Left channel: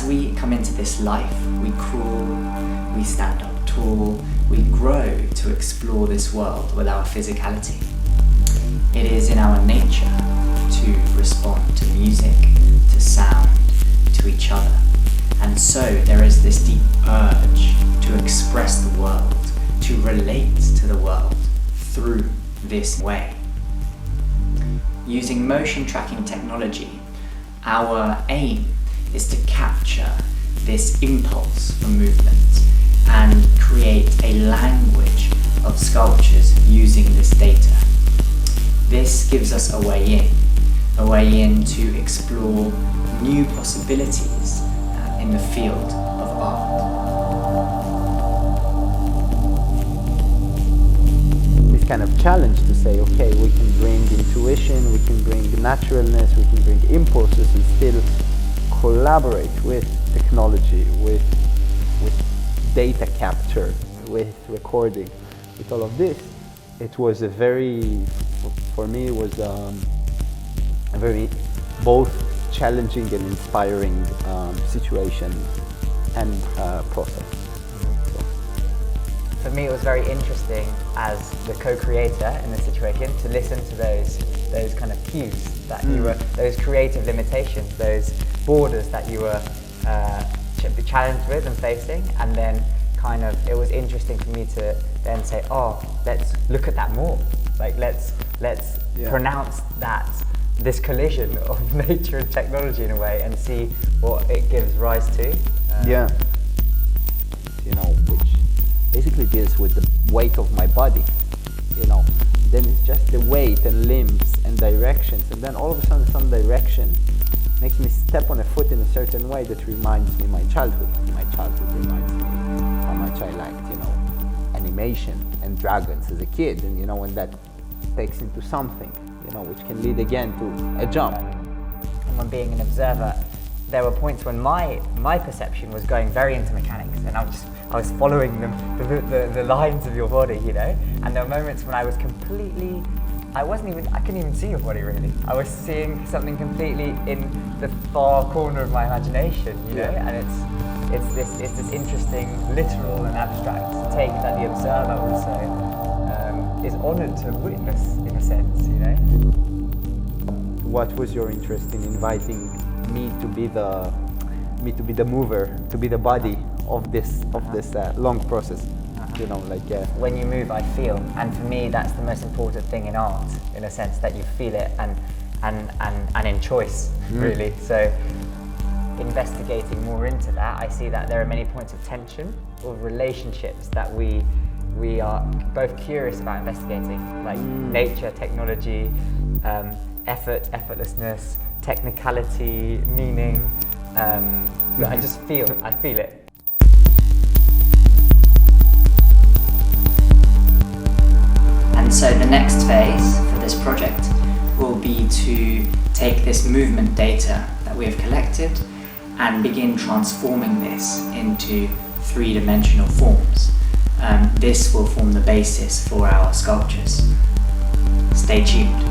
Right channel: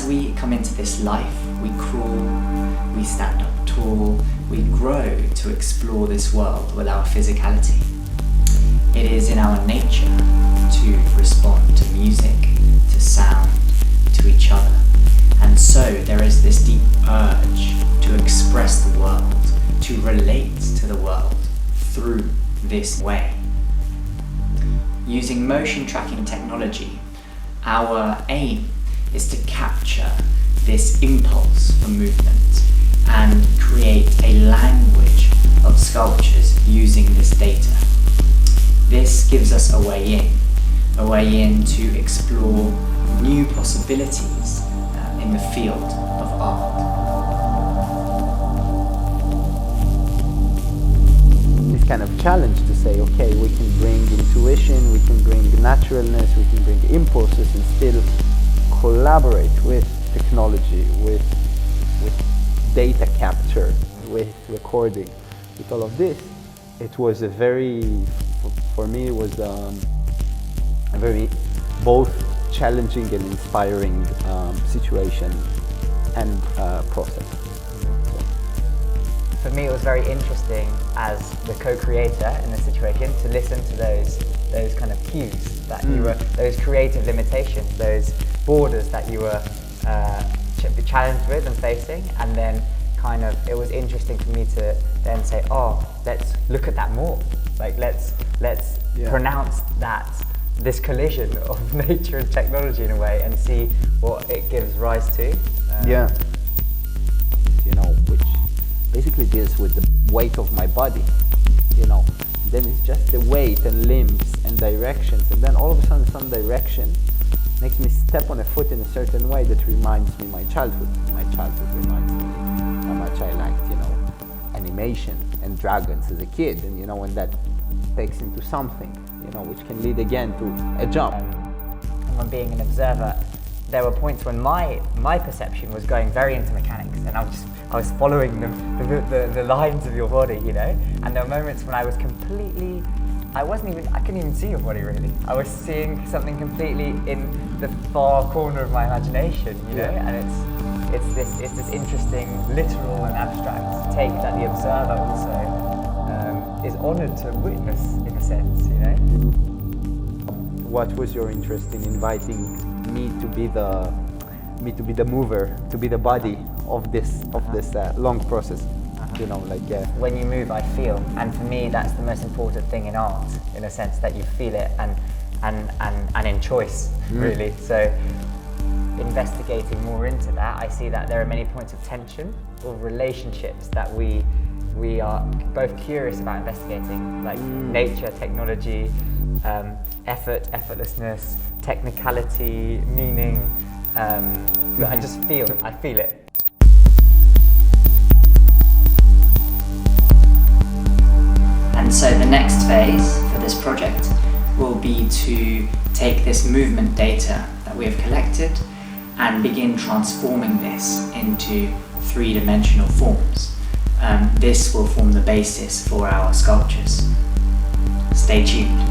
as we come into this life, we crawl, we stand up tall, we grow to explore this world with our physicality. It is in our nature to respond to music, to sound, to each other. And so there is this deep urge to express the world, to relate to the world through this way. Using motion tracking technology, our aim is to capture this impulse for movement and create a language of sculptures using this data. This gives us a way in to explore new possibilities in the field of art. This kind of challenge to say, okay, we can bring intuition, we can bring naturalness, we can bring impulses and still collaborate with technology, with data capture, with recording, with all of this. It was a very, for me, it was a very both challenging and inspiring situation and process. For me, it was very interesting as the co-creator in the situation to listen to those kind of cues that you were, those creative limitations, those borders that you were challenged with and facing, and then kind of it was interesting for me to then say, oh, let's look at that more. Like let's pronounce this collision of nature and technology in a way and see what it gives rise to. Which basically deals with the weight of my body, then it's just the weight and limbs and directions, and then all of a sudden some direction makes me step on a foot in a certain way that reminds me my childhood. My childhood reminds me how much I liked, animation and dragons as a kid, and when that takes into something, which can lead again to a jump. And when being an observer, there were points when my perception was going very into mechanics, and I was following the lines of your body, and there were moments when I was completely, I couldn't even see your body really. I was seeing something completely in the far corner of my imagination, and it's this interesting literal and abstract take that the observer also is honoured to witness in a sense, What was your interest in inviting me to be the mover, to be the body of this long process? When you move, I feel, and for me that's the most important thing in art, in a sense that you feel it and in choice, really. So investigating more into that, I see that there are many points of tension or relationships that we are both curious about investigating, like nature, technology, effort, effortlessness, technicality, meaning. But I just feel it. And so the next phase for this project will be to take this movement data that we have collected and begin transforming this into three-dimensional forms. This will form the basis for our sculptures. Stay tuned.